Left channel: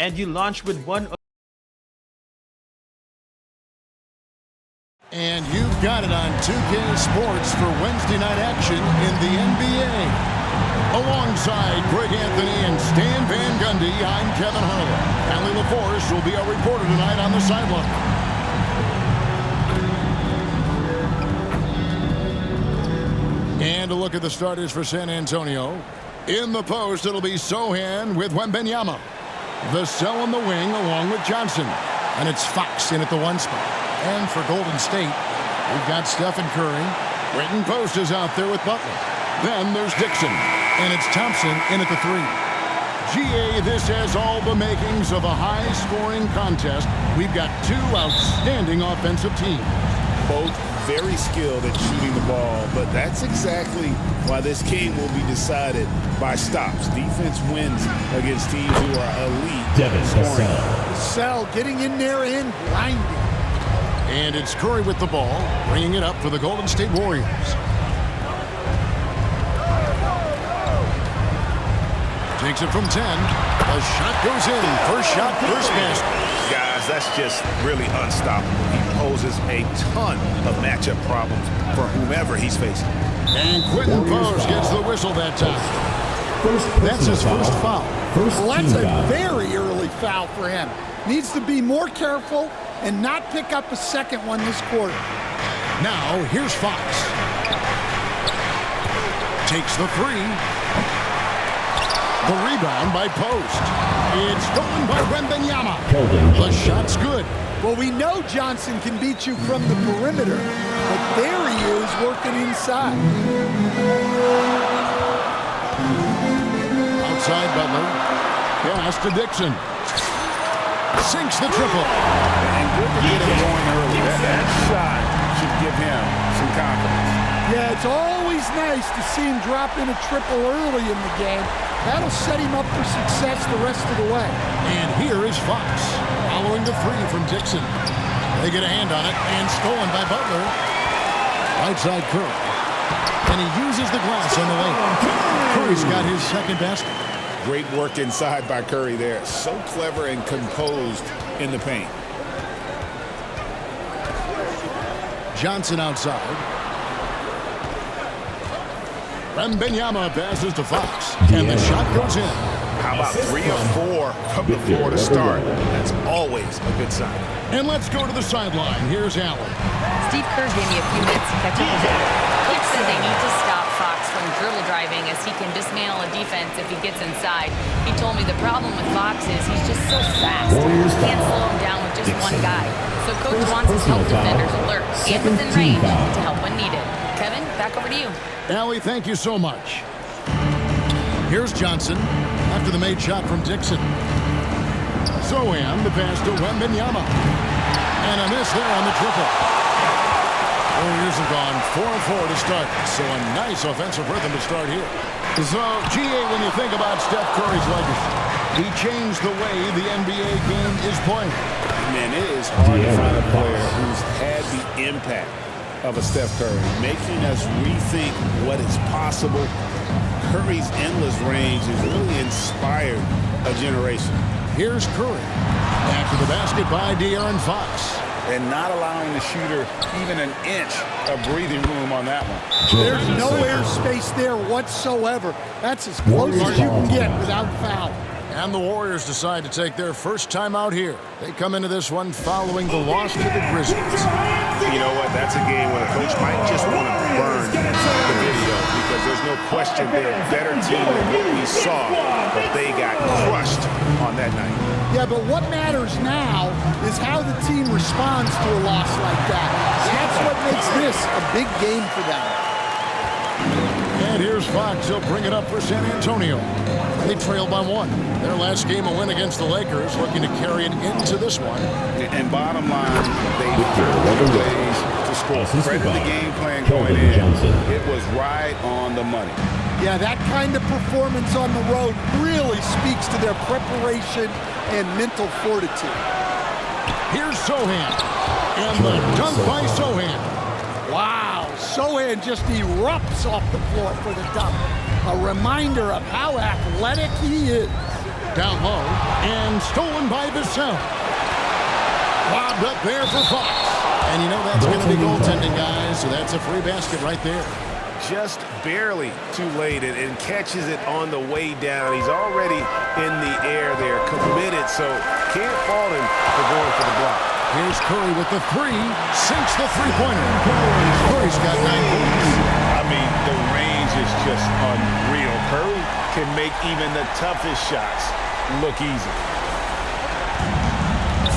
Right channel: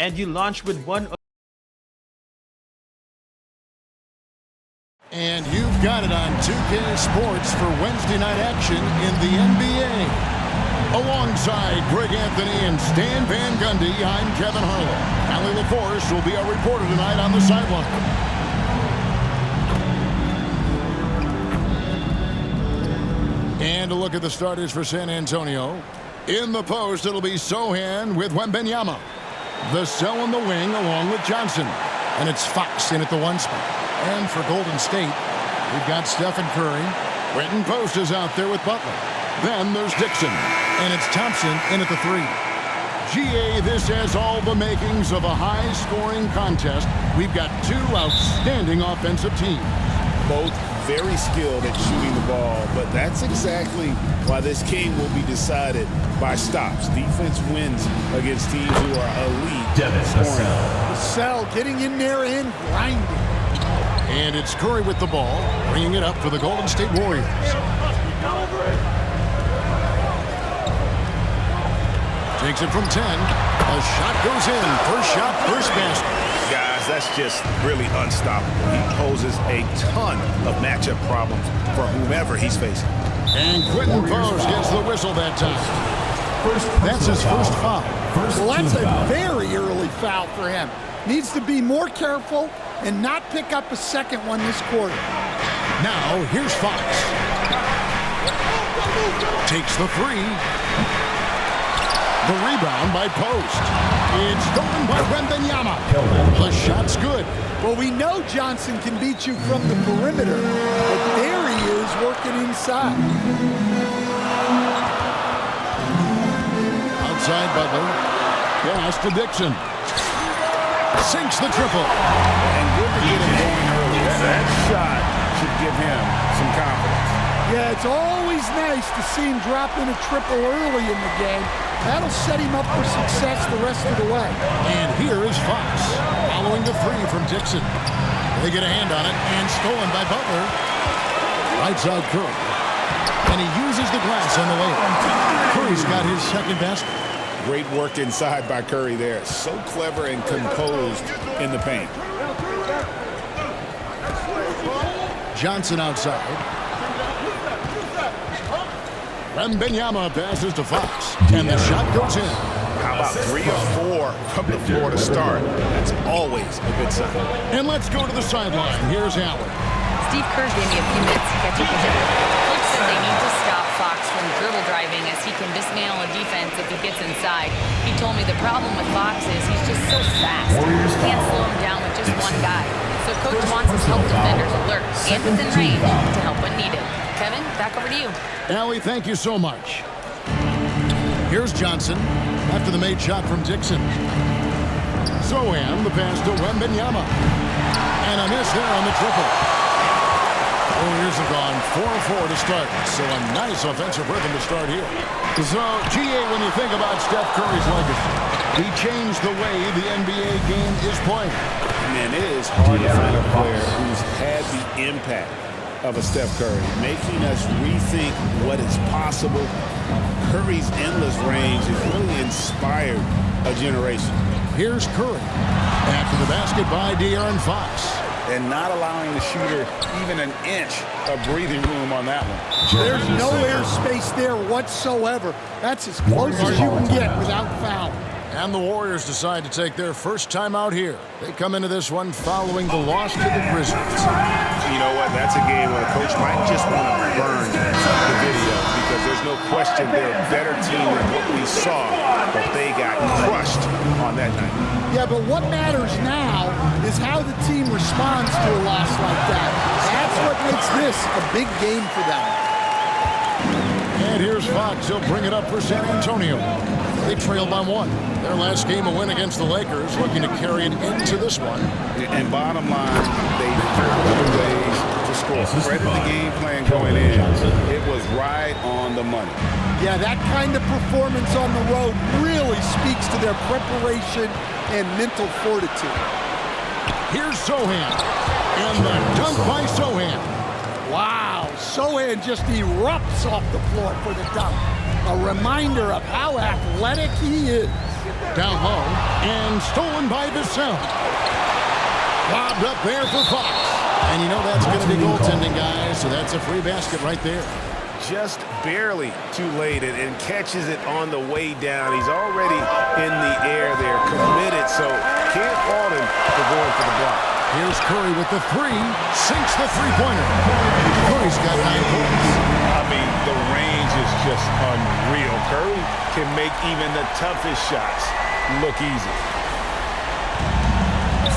and you launch with one. And you've got it on 2K Sports for Wednesday night action in the NBA. Alongside Greg Anthony and Stan Van Gundy, I'm Kevin Harlan. Allie LaForce will be our reporter tonight on the sideline. And a look at the starters for San Antonio. In the post, it'll be Sohan with Wembanyama. Vassell on the wing along with Johnson. And it's Fox in at the one spot. And for Golden State, we've got Stephen Curry. Quentin Post is out there with Butler. Then there's Dixon. And it's Thompson in at the three. GA, this has all the makings of a high-scoring contest. We've got two outstanding offensive teams. Both very skilled at shooting the ball, but that's exactly why this game will be decided by stops. Defense wins against teams who are elite scoring. Vassell getting in there and grinding. And it's Curry with the ball, bringing it up for the Golden State Warriors. Takes it from 10. A shot goes in. First shot, first basket. Guys, that's just really unstoppable. He poses a ton of matchup problems for whomever he's facing. And Quentin Post gets the whistle that time. That's his first foul. Well, that's a very early foul for him. Needs to be more careful and not pick up a second one this quarter. Now, here's Fox. Takes the three. The rebound by Post. It's stolen by Wembanyama. The shot's good. Well, we know Johnson can beat you from the perimeter, but there he is working inside. Outside Butler. Pass to Dixon. Sinks the triple. And good to get him going early. That shot should give him some confidence. Yeah, it's always nice to see him drop in a triple early in the game. That'll set him up for success the rest of the way. And here is Fox, following the three from Dixon. They get a hand on it, and stolen by Butler. Right side Curry. And he uses the glass on the layup. Curry's got his second basket. Great work inside by Curry there. So clever and composed in the paint. Johnson outside. Wembanyama passes to Fox, and the shot goes in. How about 3 or 4 from the floor to start? That's always a good sign. And let's go to the sideline. Here's Allen. Steve Kerr gave me a few minutes to catch up with him. Coach said they need to stop Fox from dribble driving as he can dismantle a defense if he gets inside. He told me the problem with Fox is he's just so fast. Can't slow him down with just one guy. So Coach wants his help defenders alert and within range to help when needed. Kevin, back over to you. Allie, thank you so much. Here's Johnson after the made shot from Dixon. Sohan, the pass to Wembanyama. And a miss there on the triple. Warriors have gone 4-4 to start, so a nice offensive rhythm to start here. So, GA, when you think about Steph Curry's legacy, he changed the way the NBA game is played. Man, it is hard to find a player who's had the impact of a Steph Curry, making us rethink what is possible. Curry's endless range has really inspired a generation. Here's Curry. After the basket by De'Aaron Fox. And not allowing the shooter even an inch of breathing room on that one. There's no air space there whatsoever. That's as close as you can get without foul. And the Warriors decide to take their first time out here. They come into this one following the loss to the Grizzlies. You know what? That's a game where the coach might just want to burn the video because there's no question they're a better team than what we saw, but they got crushed on that night. Yeah, but what matters now is how the team responds to a loss like that. That's what makes this a big game for them. And here's Fox. He'll bring it up for San Antonio. They trail by 1. Their last game, a win against the Lakers, looking to carry it into this one. And bottom line, they found ways to score. Credit the game plan going in. It was right on the money. Yeah, that kind of performance on the road really speaks to their preparation and mental fortitude. Here's Sohan. And the dunk by Sohan. Wow, Sohan just erupts off the floor for the dunk. A reminder of how athletic he is. Down low and stolen by Vassell. Lobbed up there for Fox. And you know that's going to be goaltending, guys, so that's a free basket right there. Just barely too late and catches it on the way down. He's already in the air there, committed, so can't fault him for going for the block. Here's Curry with the three, sinks the three-pointer. Curry's got 9 points. I mean, the range is just unreal. Curry can make even the toughest shots look easy.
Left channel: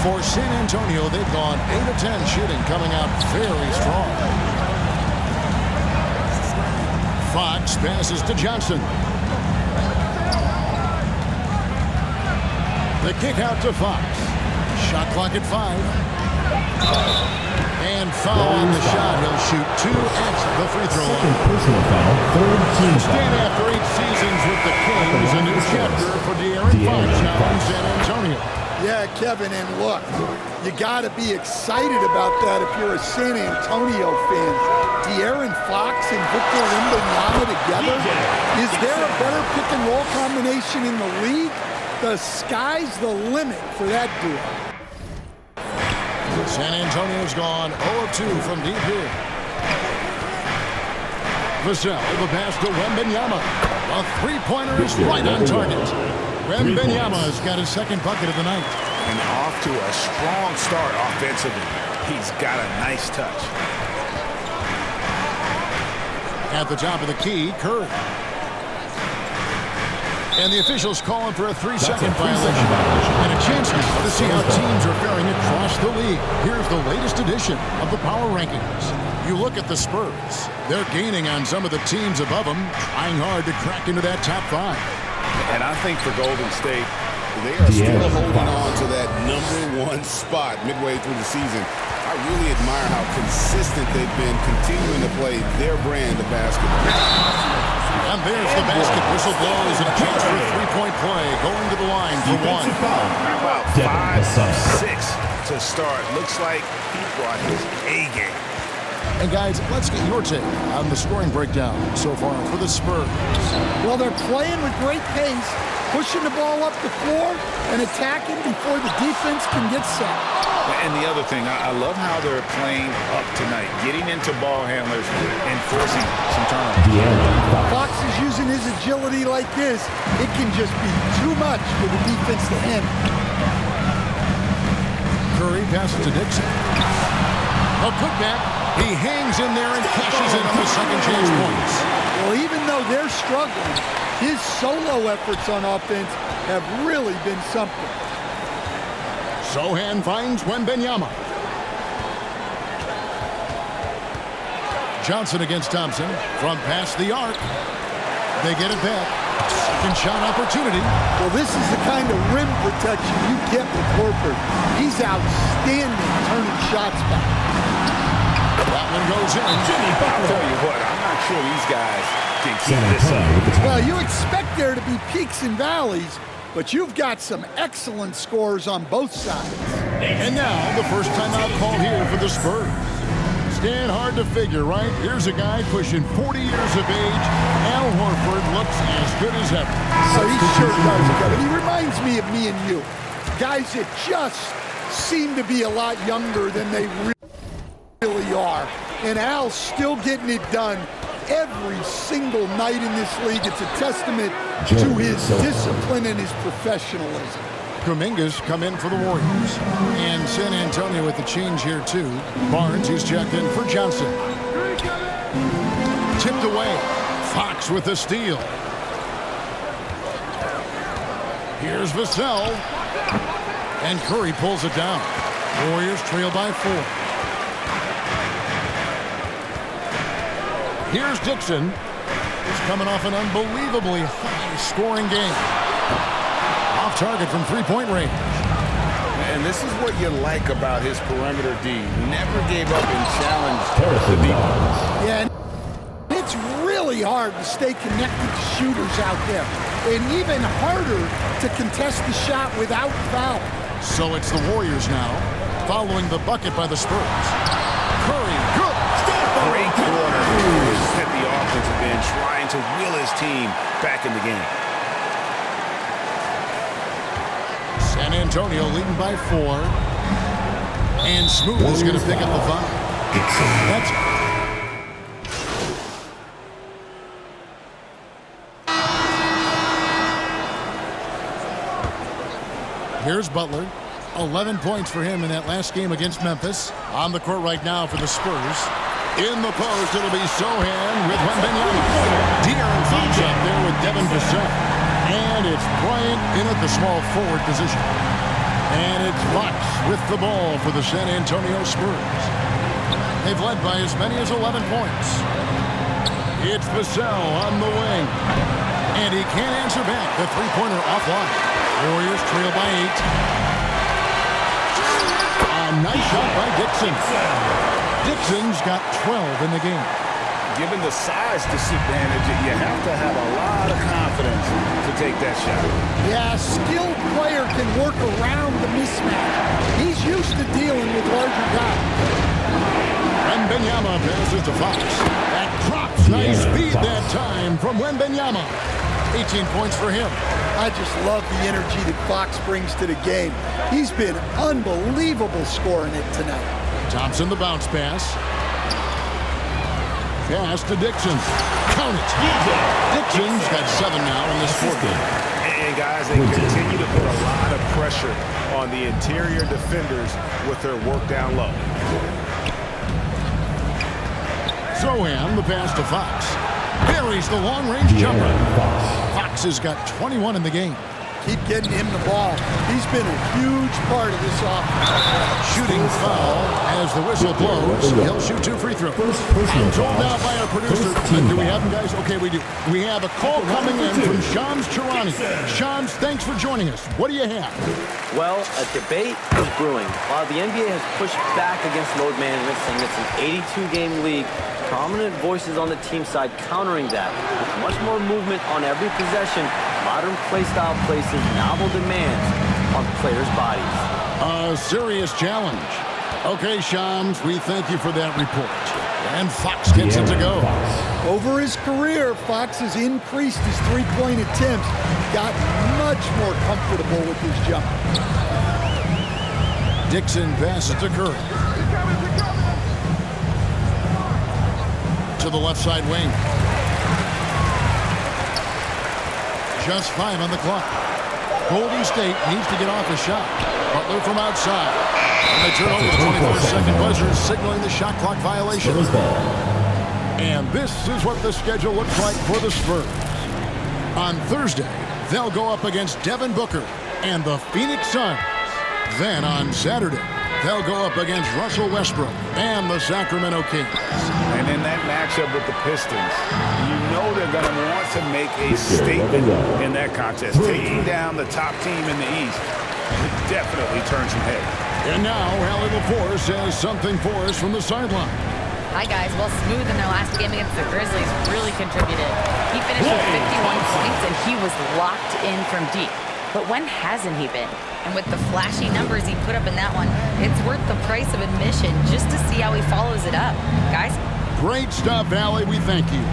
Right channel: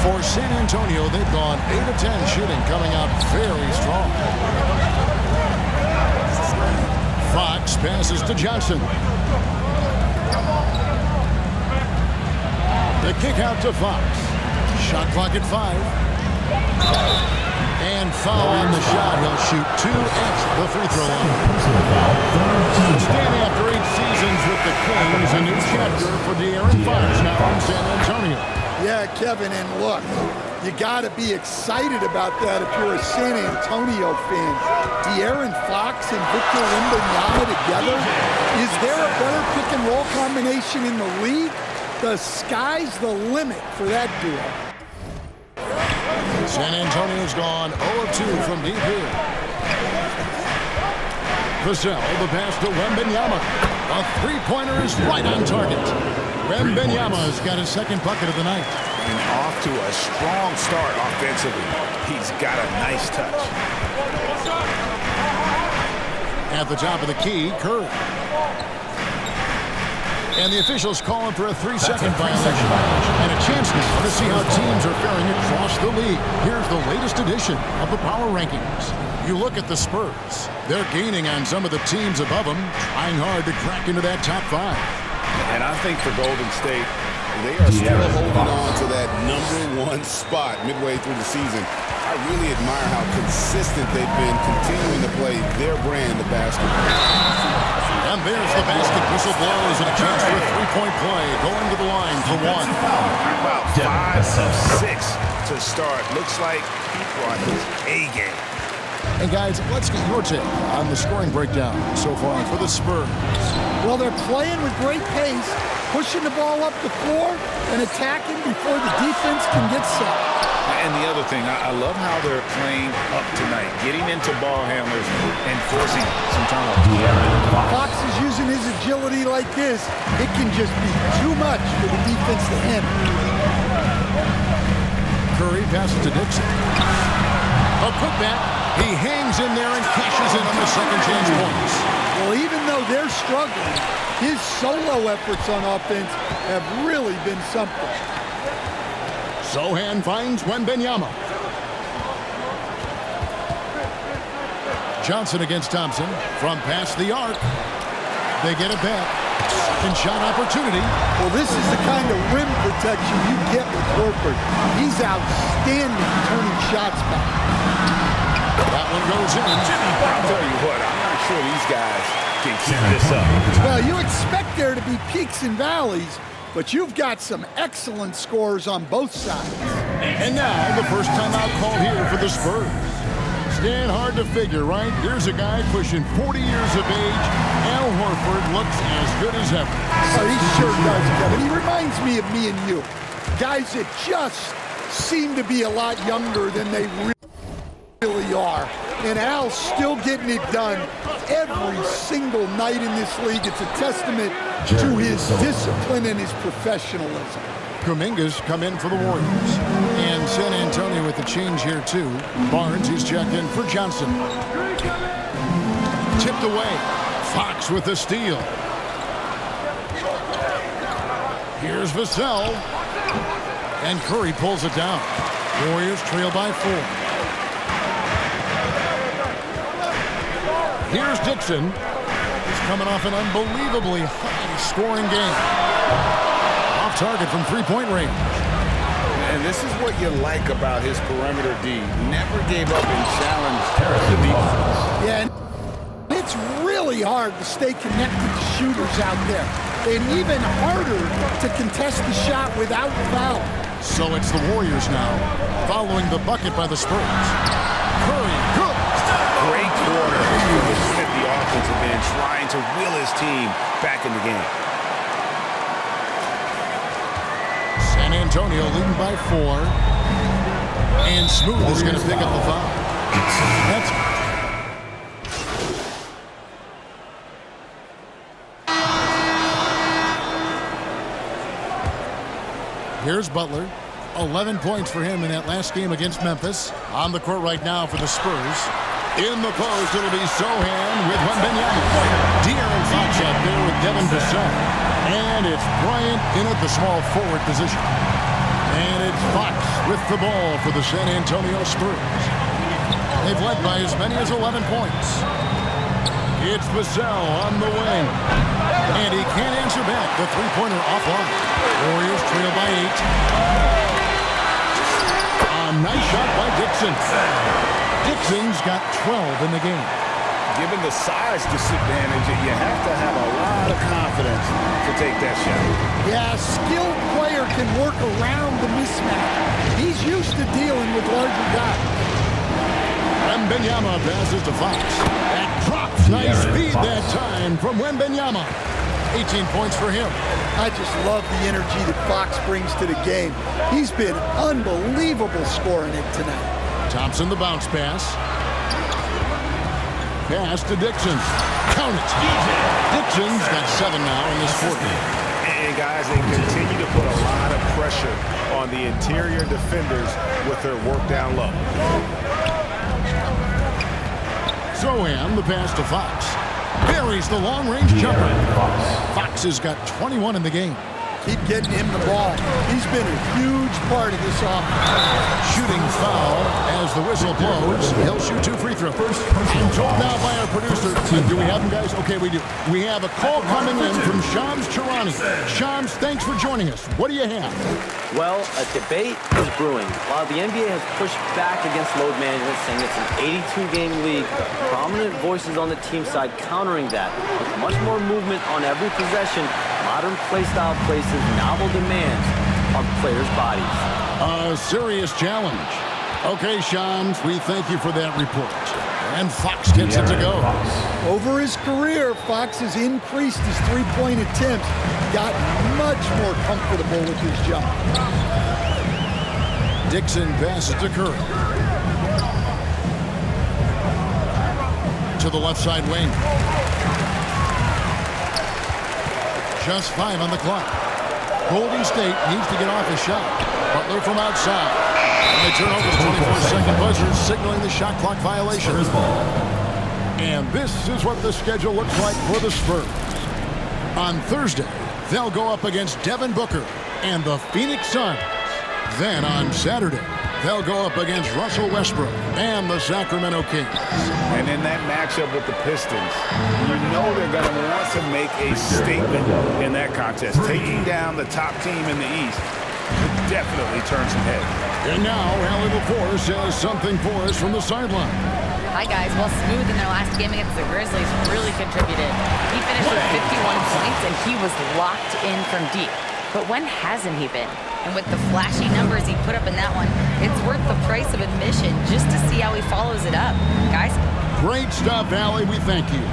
For San Antonio, they've gone 8 of 10 shooting, coming out very strong. Fox passes to Johnson. The kick out to Fox. Shot clock at 5. And foul on the shot. He'll shoot 2 at the free throw line. Stand after 8 seasons with the Kings, a new chapter for De'Aaron Fox now in San Antonio. Yeah, Kevin, and look, you got to be excited about that if you're a San Antonio fan. De'Aaron Fox and Victor Wembanyama together? Is there a better pick-and-roll combination in the league? The sky's the limit for that duo. San Antonio's gone 0 of 2 from deep here. Vassell, the pass to Wembanyama. A three-pointer is right on target. Wembanyama's got his second bucket of the night. And off to a strong start offensively. He's got a nice touch. At the top of the key, Curry. And the officials calling for a 3-second violation. And a chance now to see how teams are faring across the league. Here's the latest edition of the power rankings. You look at the Spurs. They're gaining on some of the teams above them, trying hard to crack into that top 5. And I think for Golden State, they are still holding on to that #1 spot midway through the season. I really admire how consistent they've been continuing to play their brand of basketball. And there's the basket. Whistle blows and a chance for a three-point play. Going to the line for 1. How about 5 of 6 to start? Looks like he brought his A game. And guys, let's get your take on the scoring breakdown so far for the Spurs. Well, they're playing with great pace, pushing the ball up the floor and attacking before the defense can get set. And the other thing, I love how they're playing up tonight, getting into ball handlers and forcing some turnovers. Fox is using his agility like this. It can just be too much for the defense to handle. Curry passes to Dixon. A putback. He hangs in there and cashes in on the second chance points. Well, even though they're struggling, his solo efforts on offense have really been something. Sohan finds Wembanyama. Johnson against Thompson from past the arc. They get it back. Second shot opportunity. Well, this is the kind of rim protection you get with Horford. He's outstanding turning shots back. That one goes in. I'll tell you what, I'm not sure these guys can keep this up. Well, you expect there to be peaks and valleys, but you've got some excellent scores on both sides. And now, the first timeout called here for the Spurs. Stand hard to figure, right? Here's a guy pushing 40 years of age. Al Horford looks as good as ever. Oh, he sure does, Kevin. He reminds me of me and you. Guys that just seem to be a lot younger than they really are. And Al's still getting it done every single night in this league. It's a testament to his discipline and his professionalism. Kuminga's come in for the Warriors. And San Antonio with the change here, too. Barnes, he's checked in for Johnson. Tipped away. Fox with the steal. Here's Vassell. And Curry pulls it down. Warriors trail by 4. Here's Dixon. He's coming off an unbelievably high-scoring game. Off target from three-point range. And this is what you like about his perimeter D. Never gave up and challenged the defense. Yeah, and it's really hard to stay connected to shooters out there. And even harder to contest the shot without foul. So it's the Warriors now, following the bucket by the Spurs. Curry, good. Great quarter at the offensive end, trying to will his team back in the game. San Antonio leading by 4. And Smooth is going to pick up the foul. That's Here's Butler. 11 points for him in that last game against Memphis. On the court right now for the Spurs. In the post, it'll be Sohan with Wembanyama. De'Aaron Fox out there with Devin Vassell. And it's Bryant in at the small forward position. And it's Fox with the ball for the San Antonio Spurs. They've led by as many as 11 points. It's Vassell on the wing. And he can't answer back. The three-pointer offline. Warriors trail by 8. A nice shot by Dixon. Dixon's got 12 in the game. Given the size disadvantage, you have to have a lot of confidence to take that shot. Yeah, a skilled player can work around the mismatch. He's used to dealing with larger guys. Wembanyama passes to Fox. That drops. Nice speed that time from Wembanyama. 18 points for him. I just love the energy that Fox brings to the game. He's been unbelievable scoring it tonight. Thompson the bounce pass. Pass to Dixon. Count it. Dixon's got 7 now in this quarter. And guys, they continue to put a lot of pressure on the interior defenders with their work down low. Sohan the pass to Fox. Buries the long-range jumper. Fox has got 21 in the game. Keep getting him the ball. He's been a huge part of this offense. Shooting foul as the whistle blows. He'll shoot 2 free throws. I'm told now by our producer. Do we have them, guys? Okay, we do. We have a call coming in from Shams Charani. Shams, thanks for joining us. What do you have? Well, a debate is brewing. While the NBA has pushed back against load management, saying it's an 82-game league, prominent voices on the team side countering that. With much more movement on every possession, modern play style places novel demands on players' bodies. A serious challenge. Okay, Shams, we thank you for that report. And Fox gets it to go. Over his career, Fox has increased his three-point attempts, got much more comfortable with his jump. Dixon passes to Curry. To the left side wing. Just 5 on the clock. Golden State needs to get off a shot. Butler from outside. And they turn over the 24-second buzzer, signaling the shot clock violation. And this is what the schedule looks like for the Spurs. On Thursday, they'll go up against Devin Booker and the Phoenix Suns. Then on Saturday, they'll go up against Russell Westbrook and the Sacramento Kings. And in that matchup with the Pistons, you know they're going to want to make a statement in that contest. Taking down the top team in the East could definitely turn some heads. And now, Allie LaForce has something for us from the sideline. Hi, guys. Well, Smooth in their last game against the Grizzlies really contributed. He finished with 51 points, and he was locked in from deep. But when hasn't he been? And with the flashy numbers he put up in that one, it's worth the price of admission just to see how he follows it up. Guys? Great stuff, Allie. We thank you.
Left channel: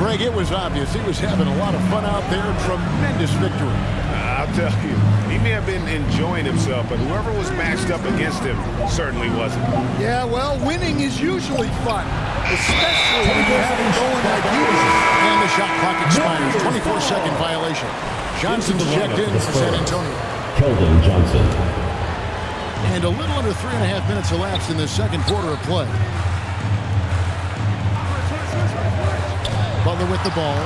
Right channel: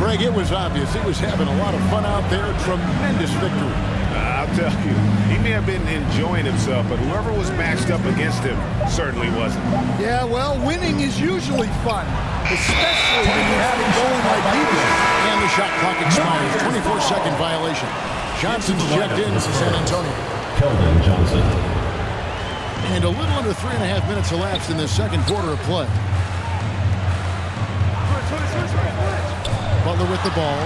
Greg, it was obvious he was having a lot of fun out there. Tremendous victory. I'll tell you, he may have been enjoying himself, but whoever was matched up against him certainly wasn't. Yeah, well, winning is usually fun, especially when you have it going like he did. And the shot clock expires. 24-second violation. Johnson's checked in for San Antonio. Keldon Johnson. And a little under 3.5 minutes elapsed in the second quarter of play. Butler with the ball.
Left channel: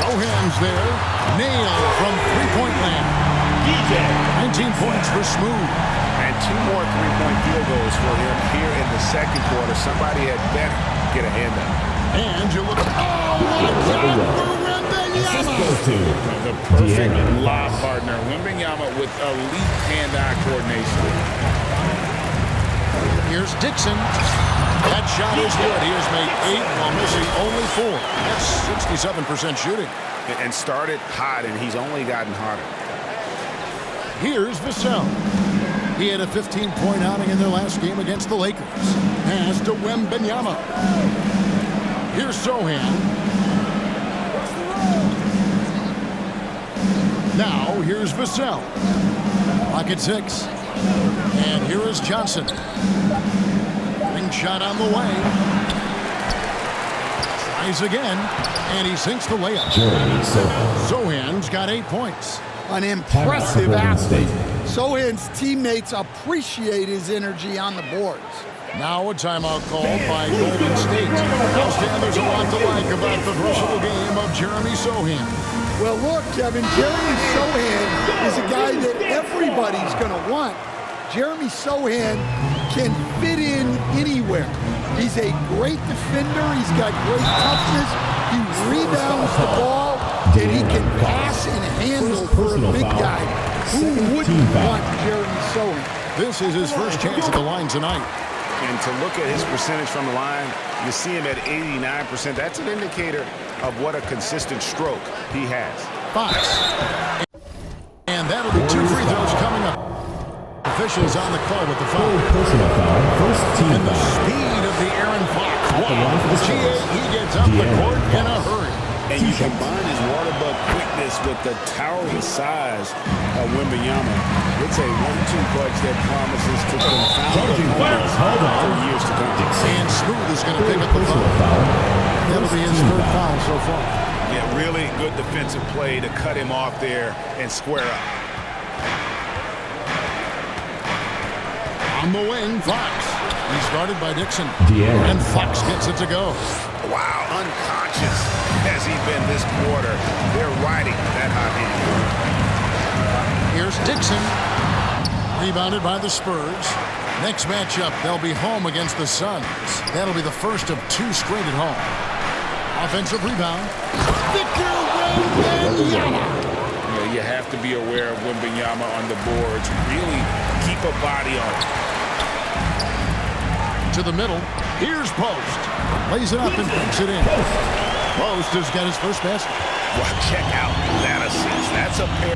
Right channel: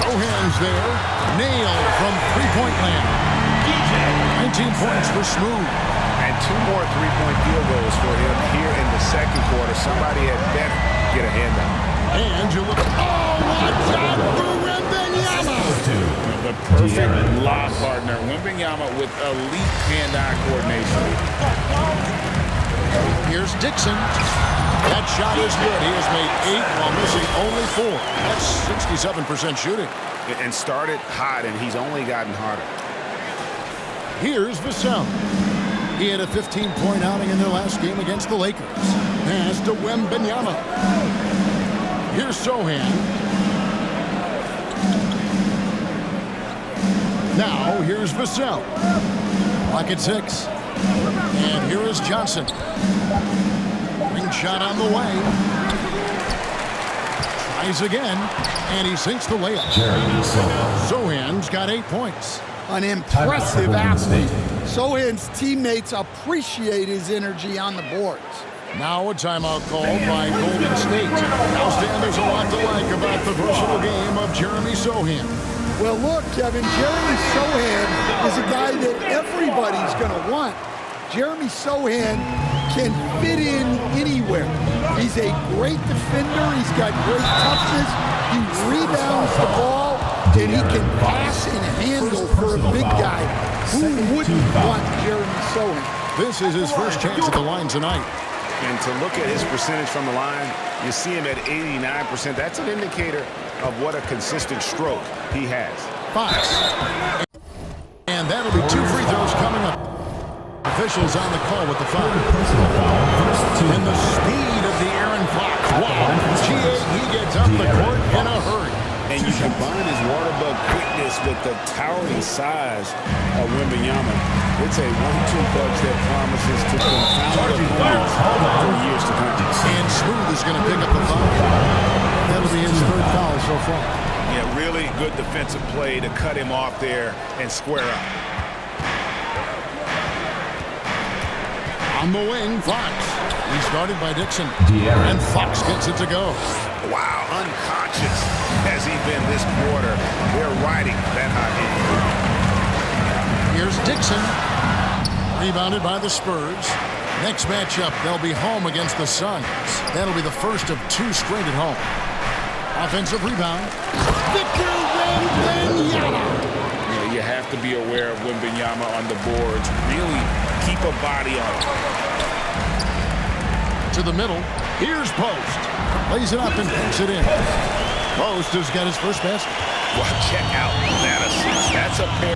Sohan's there. Nailed from three-point land. 19 points for Smooth. And 2 more three-point field goals for him here in the second quarter. Somebody had better get a hand up. And you look. Oh, what shot for Wembanyama! The perfect lob partner. Wembanyama with elite hand-eye coordination. Here's Dixon. That shot is good. He has made 8 while missing only 4. That's 67% shooting. And started hot, and he's only gotten hotter. Here's Vassell. He had a 15-point outing in their last game against the Lakers. Pass to Wembanyama. Here's Sohan. Now here's Vassell. Clock at 6. And here is Johnson. Ring shot on the way. Tries again, and he sinks the layup. Sohan's got 8 points. An impressive athlete. Sohan's teammates appreciate his energy on the boards. Now a timeout called by Golden State. Now, Stan, there's a lot to like about the versatile game of Jeremy Sohan. Well, look, Kevin, Jeremy Sohan is a guy that everybody's going to want. Jeremy Sohan can fit in anywhere. He's a great defender. He's got great toughness. He rebounds the ball, and he can pass and handle for a big guy. Who wouldn't want Jeremy Sohan? This is his first chance at the line tonight. And to look at his percentage from the line, you see him at 89%. That's an indicator of what a consistent stroke he has. Fox. And that'll be 2 free throws coming up. Officials on the call with the foul. Personal foul. And the speed of the Aaron Fox. Wow. He gets up the court in a hurry. And you combine his water bug quickness with the towering size of Wembanyama. It's a 1-2 punch that promises to confound opponents for years to come. And Smooth is going to pick up the foul. That'll be his 3rd foul so far. Yeah, really good defensive play to cut him off there and square up. On the wing, Fox. He's guarded by Dixon. And Fox gets it to go. Wow, unconscious has he been this quarter. They're riding that hot hand. Here's Dixon. Rebounded by the Spurs. Next matchup, they'll be home against the Suns. That'll be the first of 2 straight at home. Offensive rebound. Victor Wembanyama. You have to be aware of Wembanyama on the boards. Really keep a body on it. To the middle. Here's Post. Lays it up and banks it in. Post has got his first basket. Well, check out that assist. That's a pair.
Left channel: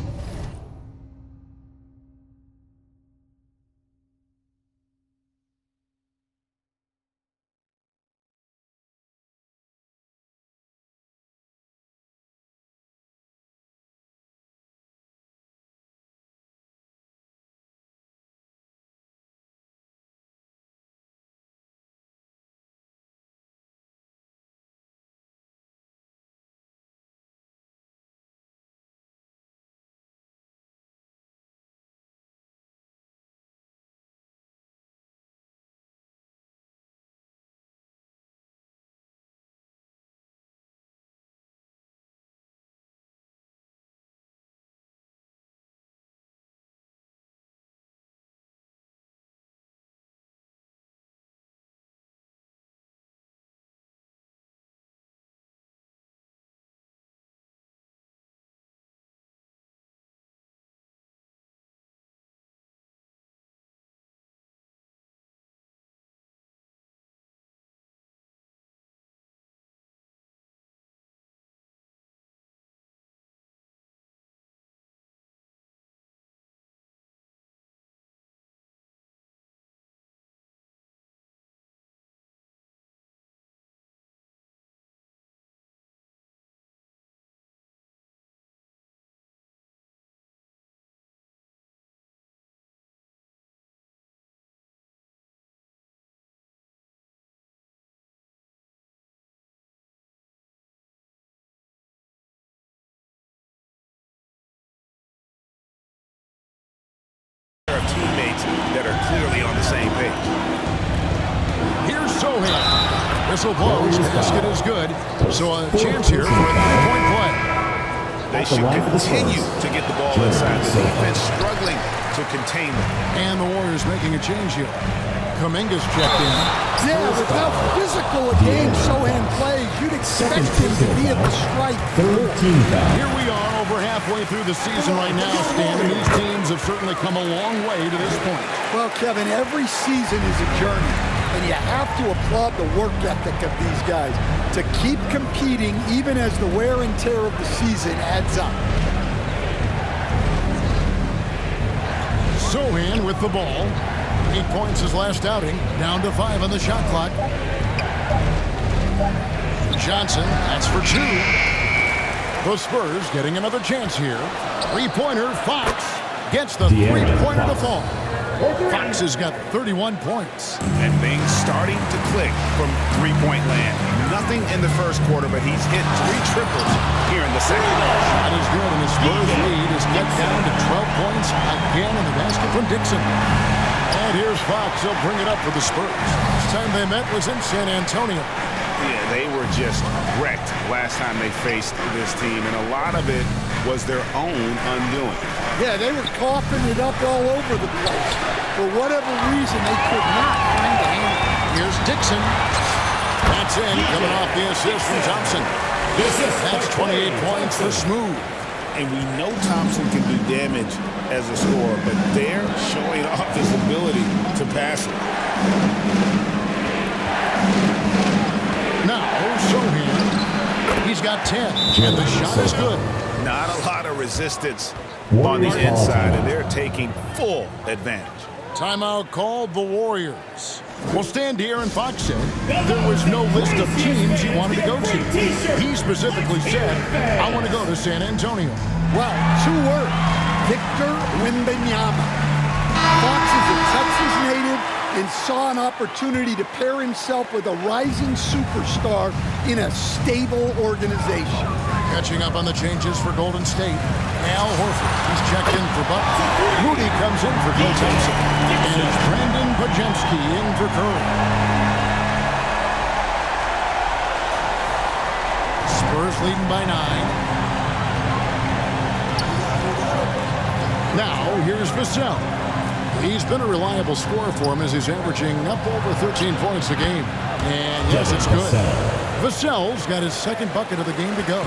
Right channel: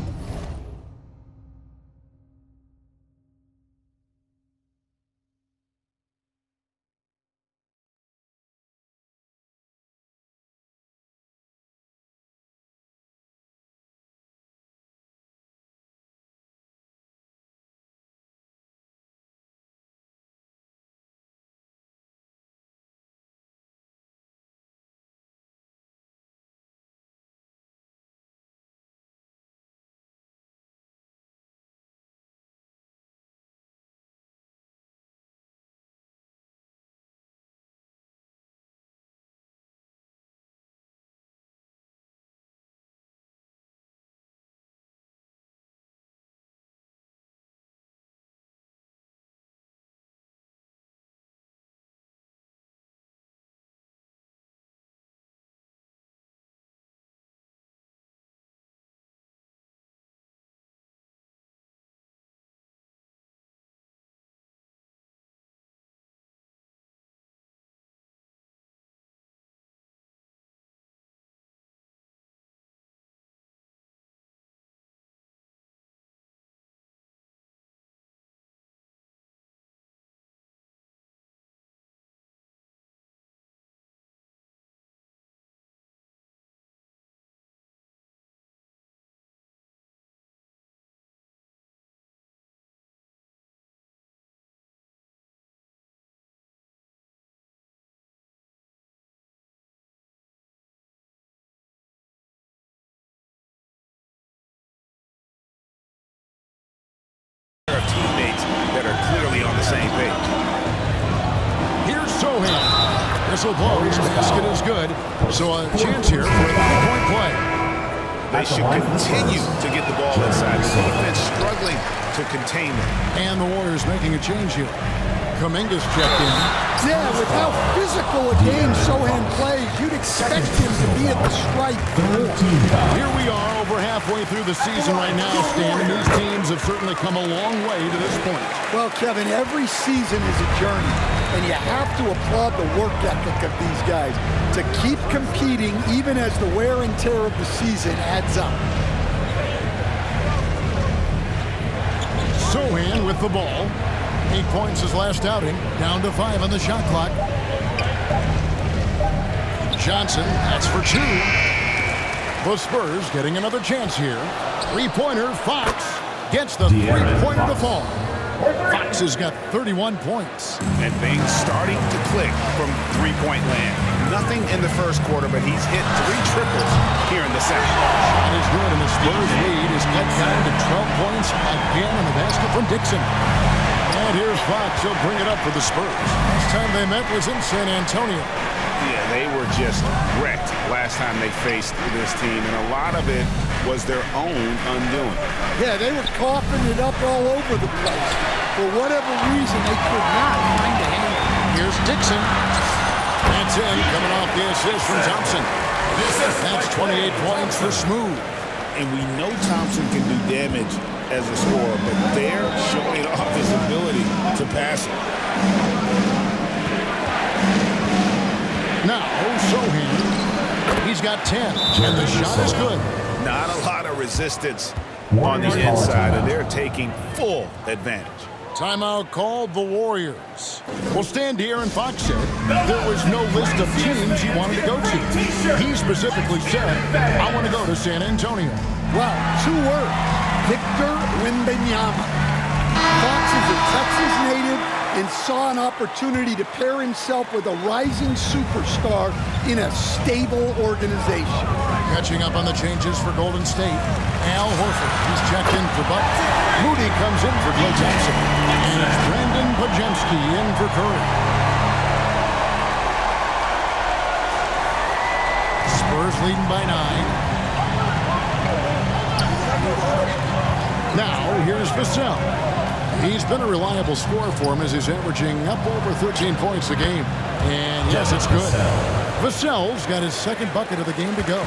Of teammates that are clearly on the same page. Here's Sohan. Whistle blows. Basket is good. So a chance here for a 3-point play. They should continue to get the ball inside. The defense struggling to contain them. And the Warriors making a change here. Kuminga's checked in. Yeah, with how physical a game Sohan plays, you'd expect him to be at the stripe. Here we are over halfway through the season right now, Stan, and these teams have certainly come a long way to this point. Well, Kevin, every season is a journey, and you have to applaud the work ethic of these guys to keep competing even as the wear and tear of the season adds up. Sohan with the ball. 8 points his last outing, down to 5 on the shot clock. Johnson, that's for 2. The Spurs getting another chance here. 3-pointer, Fox. gets the three-pointer to fall. Fox has got 31 points. And things starting to click from three-point land. Nothing in the first quarter, but he's hit 3 triples here in the second. Shot is good, and the Spurs lead is cut down to 12 points again in the basket from Dixon. And here's Fox. He'll bring it up for the Spurs. Last time they met was in San Antonio. Yeah, they were just wrecked last time they faced this team, and a lot of it was their own undoing. Yeah, they were coughing it up all over the place. For whatever reason, they could not find a handle. Here's Dixon. That's in, coming off the assist from Thompson. That's 28 points for Smooth. And we know Thompson can do damage as a scorer, but they're showing off his ability to pass it. Now, Sohan. He's got 10, and the shot is good. Not a lot of resistance on the inside, and they're taking full advantage. Timeout called the Warriors. Well, Stan here and Fox said there was no list of teams he wanted to go to. He specifically said, I want to go to San Antonio. Well, 2 words. Victor Wembanyama. Fox is a Texas native and saw an opportunity to pair himself with a rising superstar in a stable organization. Catching up on the changes for Golden State. Al Horford, he's checked in for Butler. Moody comes in for Klay Thompson. And it's Brandon Pajemski in for Curry. Spurs leading by 9. Now, here's Vassell. He's been a reliable scorer for him as he's averaging up over 13 points a game. And yes, it's good. Vassell's got his second bucket of the game to go.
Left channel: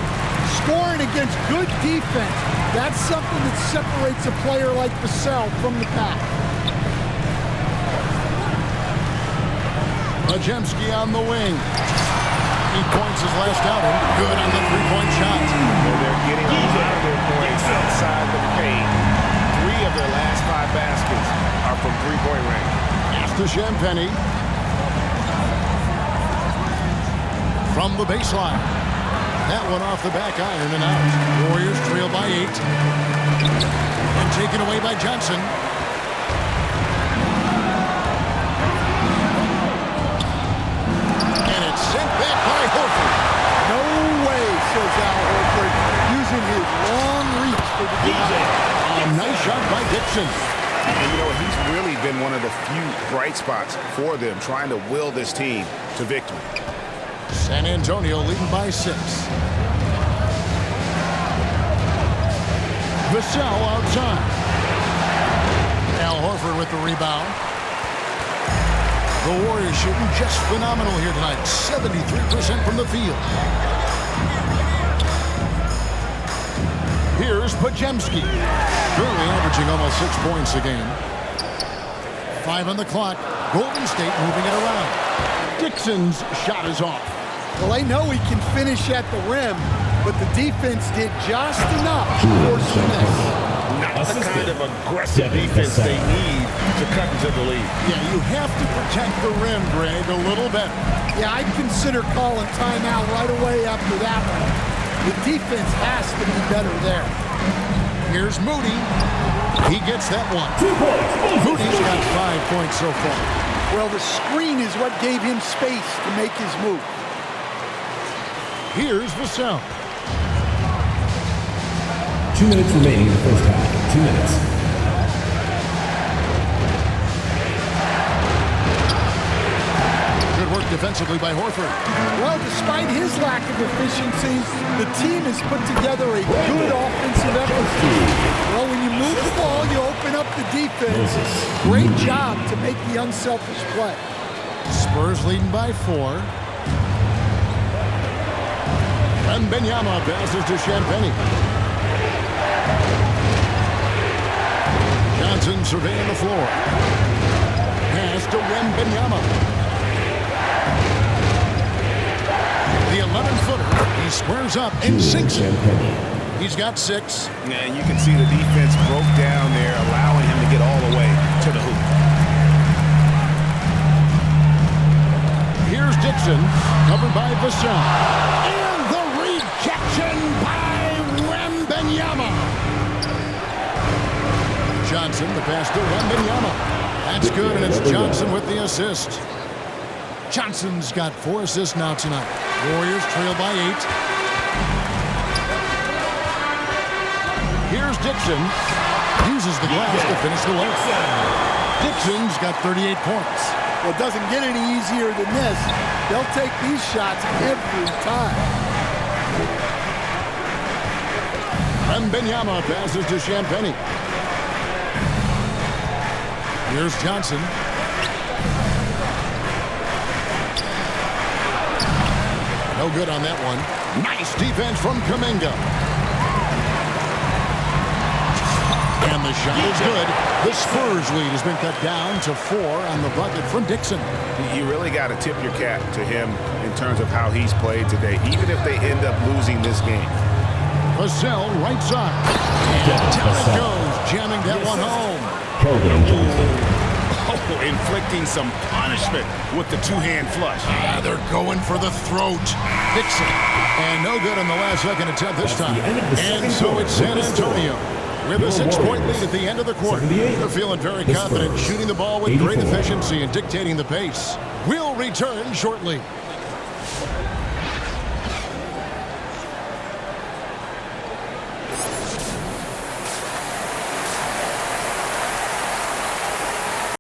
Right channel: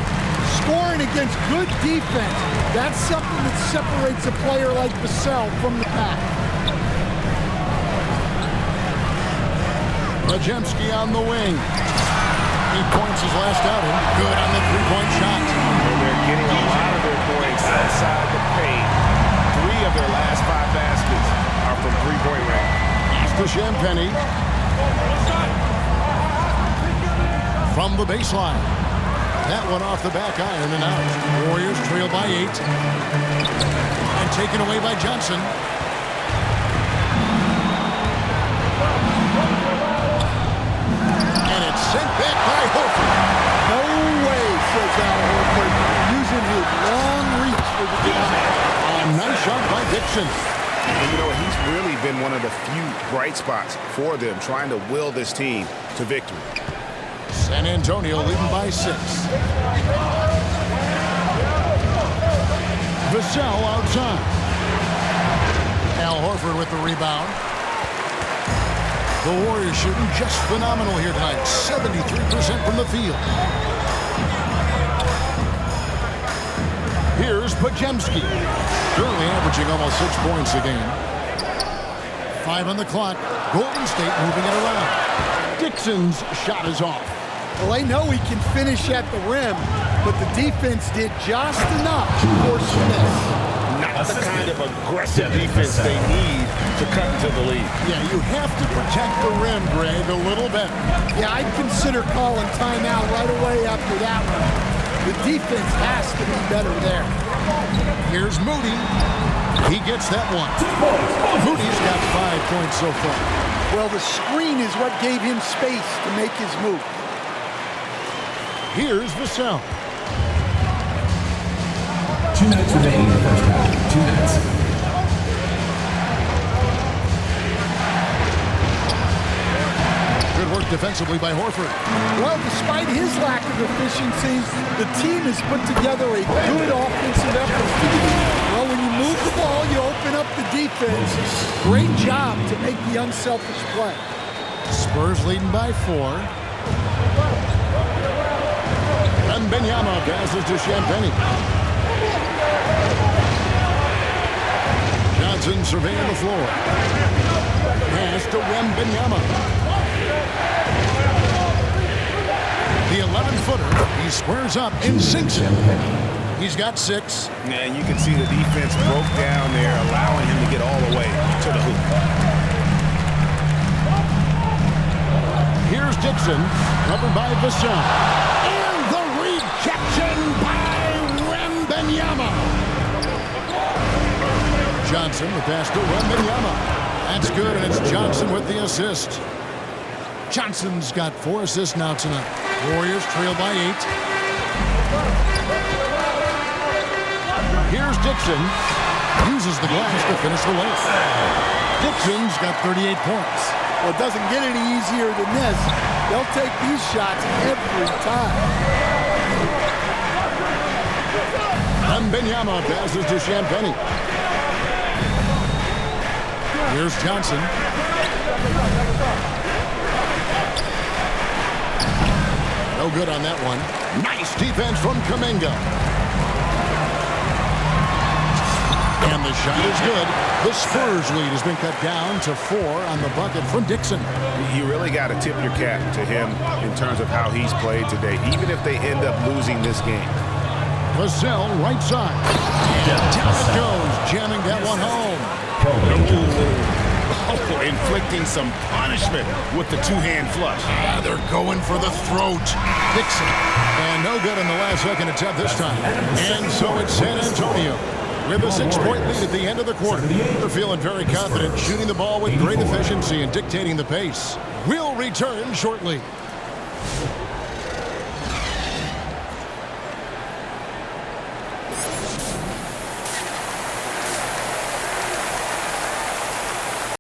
Scoring against good defense. That's something that separates a player like Vassell from the pack. Pajemski on the wing. 8 points his last outing. Good on the three-point shot. Well, they're getting a lot of their points outside the paint. 3 of their last 5 baskets are from three-point range. Pass to Champagny. From the baseline. That one off the back iron and out. Warriors trail by 8. And taken away by Johnson. And it's sent back by Horford. No way, says Al Horford, using his long reach for the denial. A nice shot by Dixon. And you know, he's really been one of the few bright spots for them, trying to will this team to victory. San Antonio leading by 6. Vassell outside. Al Horford with the rebound. The Warriors shooting just phenomenal here tonight. 73% from the field. Here's Pajemski. Currently averaging almost 6 points a game. 5 on the clock. Golden State moving it around. Dixon's shot is off. Well, they know he can finish at the rim, but the defense did just enough to force the miss. Not the kind of aggressive defense they need to cut into the lead. Yeah, you have to protect the rim, Greg, a little better. Yeah, I'd consider calling timeout right away after that one. The defense has to be better there. Here's Moody. He gets that one. 2 points. Moody's got 5 points so far. Well, the screen is what gave him space to make his move. Here's Vassell. 2 minutes remaining in the first half. 2 minutes. Good work defensively by Horford. Well, despite his lack of efficiency, the team has put together a good offensive effort. Well, when you move the ball, you open up the defense. Great job to make the unselfish play. Spurs leading by 4. Wembanyama passes to Champagny. Johnson surveying the floor. Pass to Wembanyama. The 11-footer, he squares up and sinks it. He's got 6. Yeah, you can see the defense broke down there, allowing him to get all the way to the hoop. Here's Dixon, covered by Vassell. And the rejection by Wembanyama. Johnson. The pass to Wembanyama. That's good, and it's Johnson with the assist. Johnson's got 4 assists now tonight. Warriors trail by 8. Here's Dixon. Uses the glass to finish the layup. Dixon's got 38 points. Well, it doesn't get any easier than this. They'll take these shots every time. Wembanyama passes to Champagnie. Here's Johnson. No good on that one. Nice defense from Kuminga. And the shot is good. The Spurs lead has been cut down to 4 on the bucket from Dixon. You really got to tip your cap to him in terms of how he's played today, even if they end up losing this game. Vassell, right side. And down it goes, jamming that one home. Oh, inflicting some punishment with the two-hand flush. They're going for the throat. Dixon. And no good on the last second attempt this time. And so it's San Antonio with a 6-point lead at the end of the quarter. They're feeling very confident, shooting the ball with great efficiency and dictating the pace. We'll return shortly.